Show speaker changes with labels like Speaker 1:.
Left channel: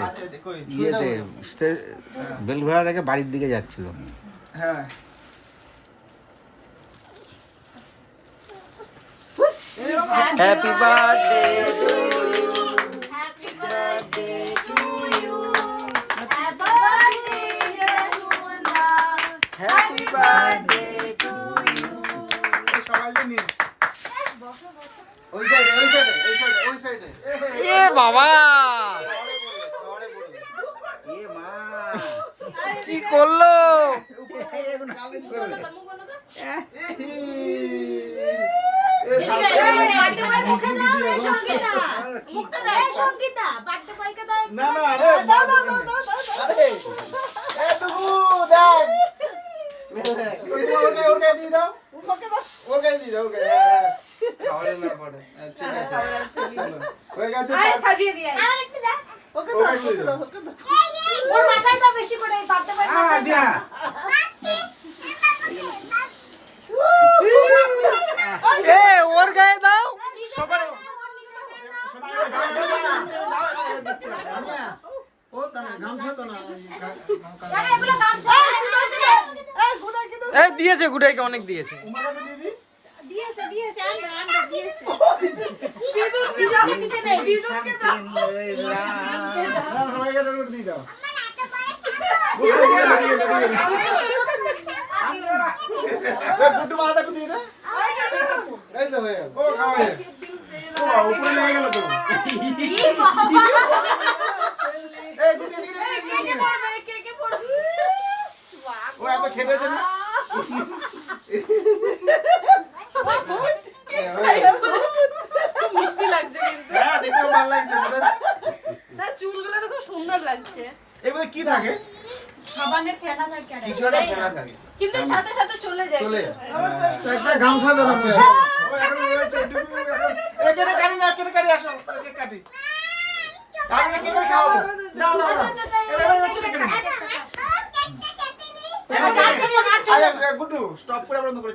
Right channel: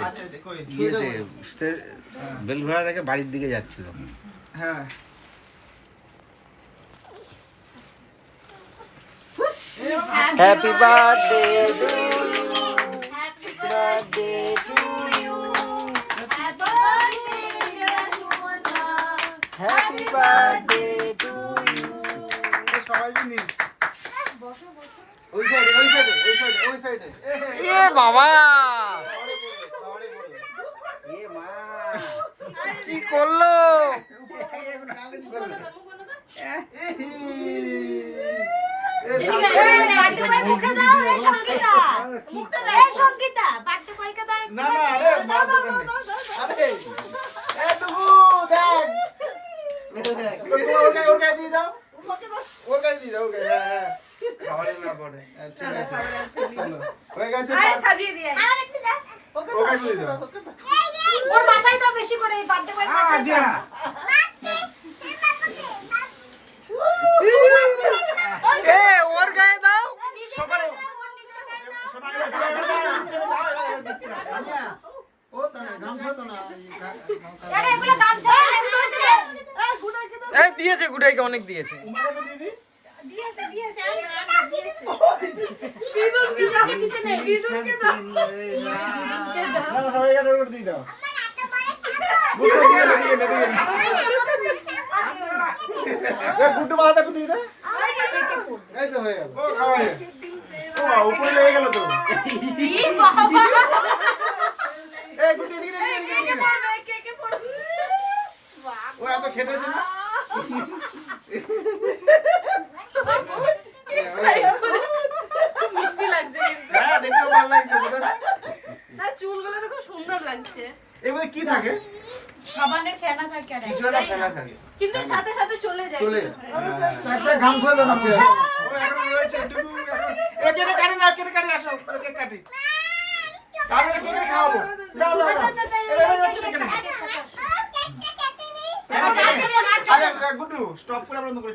Speaker 1: আসছে
Speaker 2: আচ্ছা দেখো
Speaker 1: ইয়েতে
Speaker 2: বলো।
Speaker 1: থেকে বাড়ির দিকে যাচ্ছিল।
Speaker 2: হ্যাঁ।
Speaker 3: Happy birthday to you
Speaker 4: Happy birthday to you. Happy birthday, dear Sumanta.
Speaker 3: Happy birthday to you
Speaker 2: সবাই জানিস ওই সাইডে ওই সাইডে ওই সাইডে ওই সাইডে
Speaker 3: এ বাবা। কি করল?
Speaker 2: ওর গায়ে দিয়ে দাও। ওর দাও ওর হ্যাঁ হ্যাঁ। না পড়ে হ্যাঁ, ঠিক আছে। চলো। হয়ে গেছে
Speaker 4: আর একটু দাও।
Speaker 2: ওর গায়ে দিয়ে দাও।
Speaker 4: ওর মাথায় দাও বেশি করে, এই birthday boy মাথায়।
Speaker 3: এ ওর গায়ে দাও।
Speaker 2: সবাই ও তা না গামছা তো না
Speaker 4: আরে, এগুলো গামছা
Speaker 3: এ দিয়েছে। গুডাইকে অনেক দিয়েছে।
Speaker 4: দিয়েছে,
Speaker 2: কুটু মাথা কুটু এই তো হয়ে গেল ও খাওয়া হয়ে গেল। ও বাবা, উপরে লেগে গেল তো? ও এত খেটেছে না
Speaker 5: মিষ্টি লাগছে
Speaker 2: হ্যাঁ দেখতে ভালো লাগছে
Speaker 5: না চুলগুলো তো খুব সুন্দর লাগছে
Speaker 2: এর মধ্যে কি থাকে
Speaker 4: সাবানের ফেনা থাকে আর
Speaker 2: কিছু একটা ফেলা থাকে
Speaker 5: কিন্তু সাথে সাথে চলে যায়
Speaker 2: চলে একটা গামছা দাও না ও এখন রয়েছে কাটি না কাটি আসো কেটে কাটি আমি কি করে এবার কেটে কেটে আরে গুড্ডু স্টপ করে বন্ধ করে